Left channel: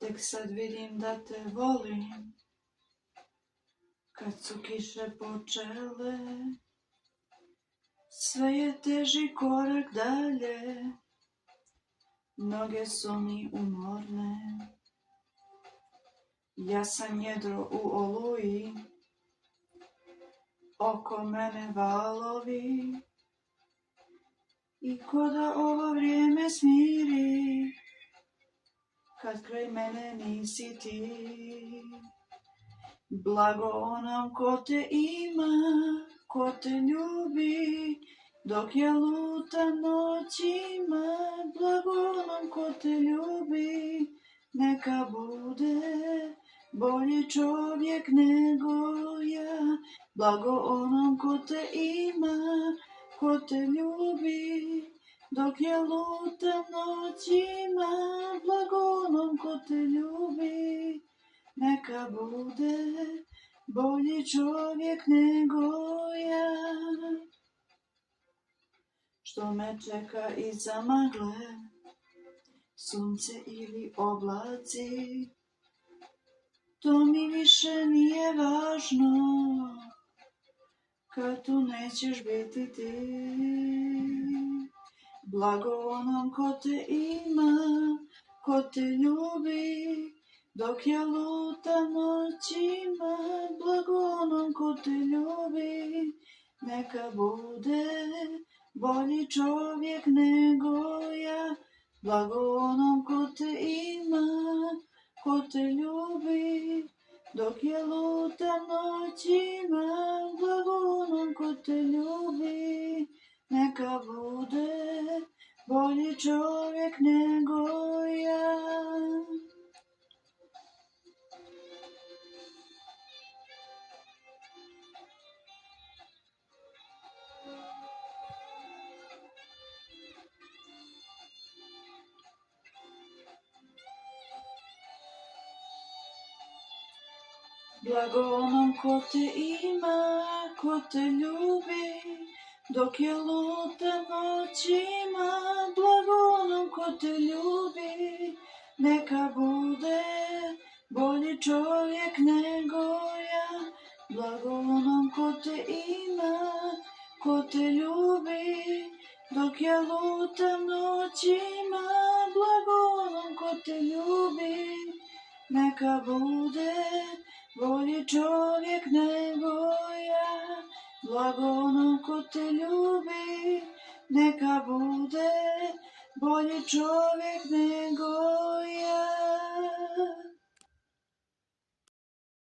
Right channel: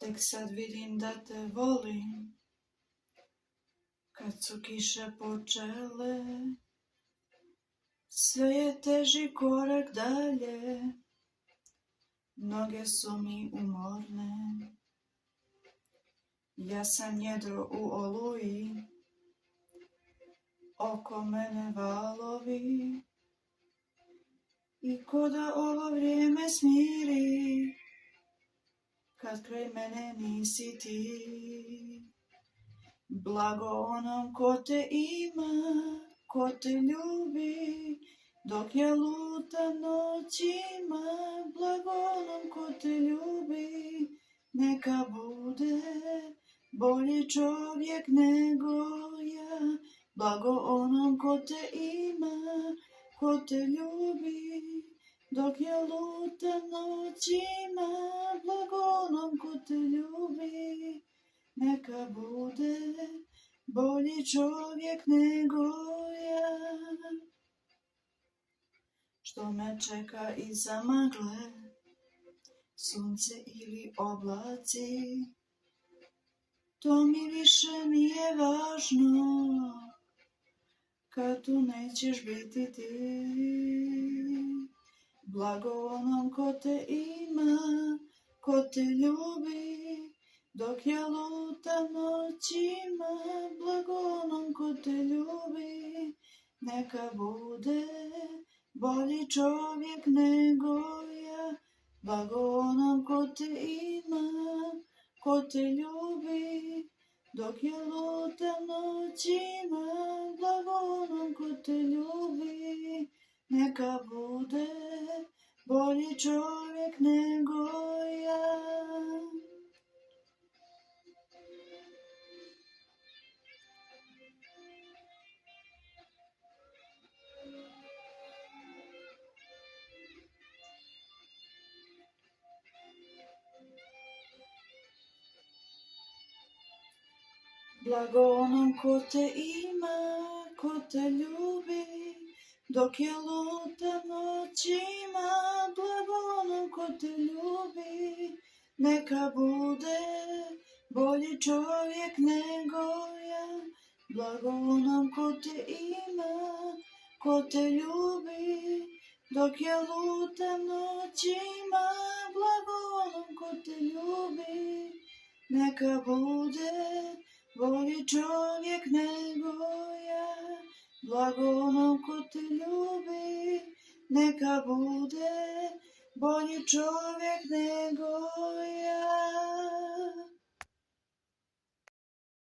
Tek sad vidim da te volim, kad su kiše počele, sve je teži korak dalje, noge su mi umorne. Ja sam jedro u oluji, oko mene valovi, i ko da ovo vrijeme smiri, kad kraj mene nisi ti. Blago onom ko te ima, ko te ljubi, dok ja lutam noćima. Blago onom ko te ljubi, neka bude bolji čovjek nego ja. Blago onom ko te ima, ko te ljubi, dok ja lutam noćima. Blago onom ko te ljubi, neka bude bolji čovjek nego ja. Što me čeka iza magle, sunce ili oblaci, to mi više nije važno, kad tu nećeš biti ti. Blago onom ko te ima, ko te ljubi, dok ja lutam noćima. Blago onom ko te ljubi, neka bude bolji čovjek nego ja. Blago onom ko te ima, ko te ljubi, dok ja lutam noćima. Blago onom ko te ljubi, neka bude bolji čovjek nego ja. Blago onom ko te ima, ko te ljubi, dok ja lutam noćima. Blago onom ko te ljubi, neka bude bolji čovjek nego ja. Blago onom ko te ima, ko te ljubi, dok ja lutam noćima. Blago onom ko te ljubi, neka bude bolji čovjek nego ja. Blago onom ko te ljubi, neka bude bolji čovjek nego ja.